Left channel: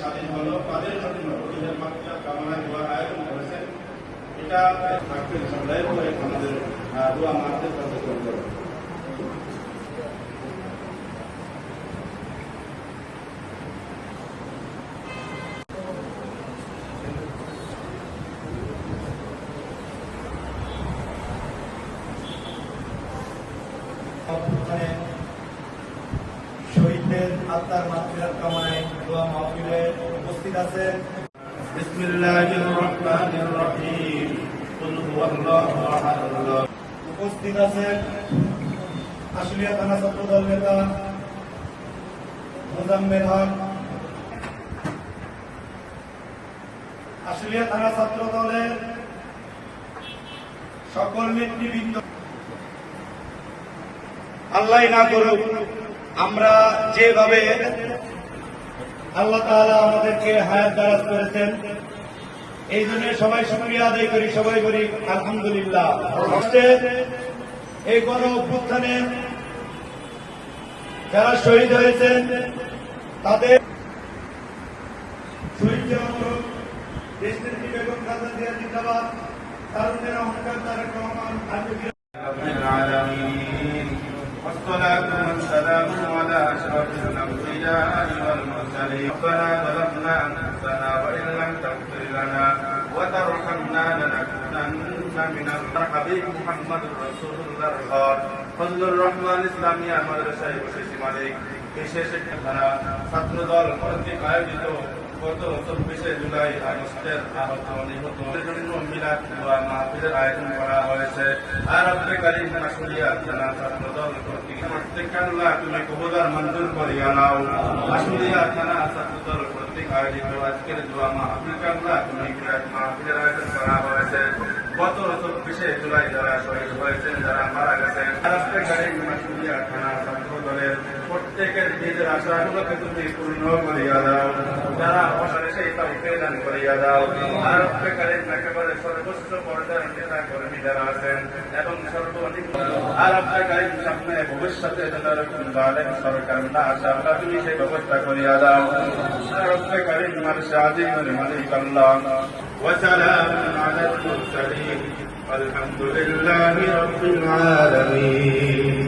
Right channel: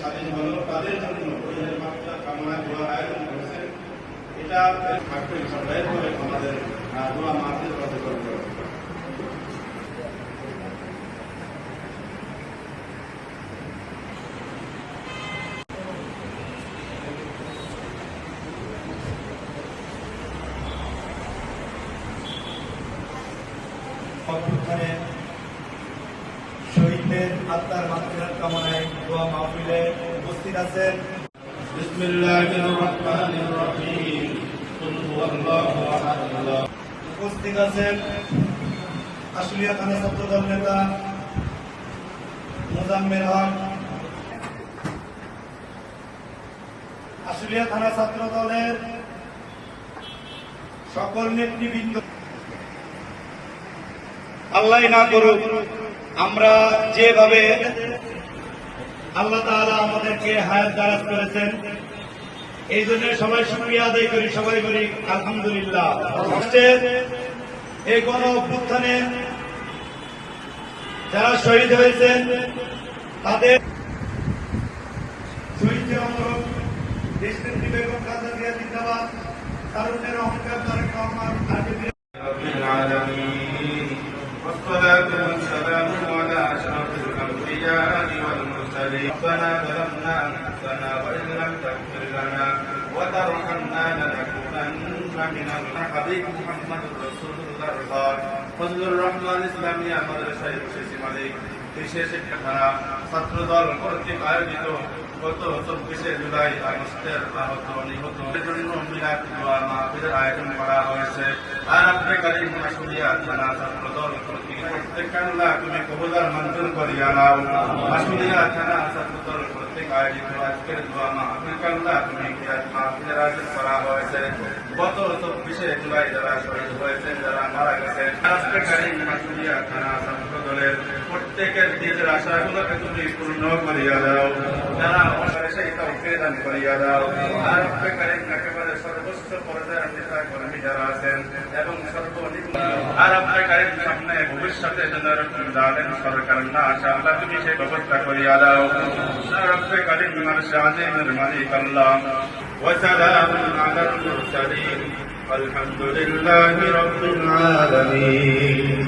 স্বাধীন হলো তাদের জন্য শহীদের মাটিটা কামনা দোয়ার আয়োজন করেছেন। এটা থাকবে সদাই করে আমাদের দোয়া মাহফিল প্রদর্শন করে। শহীদদের আত্মার মাতৃহার কামনায় দোয়া মাহফিলে উপস্থিত আছেন বিসমিল্লাহির রহমানির রহিম কুল হুয়াল্লাহু আহাদ। উপস্থিত আছেন আশুলিয়া থানা ছাত্রদল নেতা মোজাম্মেল হক, আশুলিয়া থানা ছাত্র দলের সকল নেতৃবৃন্দ। আল্লাহ না করুক আমরা যেভাবে আল্লাহ তাআলা আমাদেরকে হায়াত দারাজ করেছেন, এই জন্য সবাই শুকরিয়া আদায় করি, সবাই বলি আলহামদুলিল্লাহ। এই গণ অভ্যুত্থানে যারা শহীদ হয়েছেন তাদের শহীদদের মরণ দেশনেত্রী বেগম খালেদা জিয়া জিন্দাবাদ, তারুণ্যের অহংকার তারেক রহমান والصلاة والسلام على أشرف الأنبياء والمرسلين. ربنا ظلمنا أنفسنا وإن لم تغفر لنا وترحمنا لنكونن من الحبيب محمد رسول الله فضل الرحمن ইসলামিয়া মাদ্রাসায় বসেছি মালিক। বিশেষ একটা ধারা ছাত্রদল কর্তৃক আয়োজিত গত 24শে জুলাই আগস্টের আহত নিহত জন্য মিলাদ দোয়া মাহফিলের আয়োজন করা হয়েছে। আর আপনি কারিম আশুলিয়া থানা ছাত্রদল কর্তৃক প্রত্যেক আল্লাহ তুমি কবুলার মঞ্জুর করিয়া নাও। আশুলিয়া থানা ছাত্রদল কর্তৃক আয়োজিত আজকের দোয়া মাহফিল আল্লাহ তুমি মাহফিলের আয়োজন করা হয়েছে। গত 24শে জুলাই যারা শহীদ হয়েছেন, যারা মারা গেছেন, আর আপনি কারিম আশুলিয়া থানা ছাত্রদলের প্রত্যেকের দিনের আশাগুলোকে তুমি পূর্ণ করিয়া দাও। যারা সেই কাউকে দান করিয়া দাও। আর আপনি কারিম একেবারে সর্বোচ্চ পর্যায়ের নেতা কর্মী যারা আছেন এবং সর্বনিম্ন আর আপনি কারিম সামনে ভবিষ্যতে যেন এরকম দানের সরকার না আসে, আল্লাহ তুমি সেই ব্যবস্থা করিয়া দাও। আর আপনি কারিম মানুষ আজিমের মালিক আল্লাহ। وسلام على المرسلين والحمد لله رب العالمين।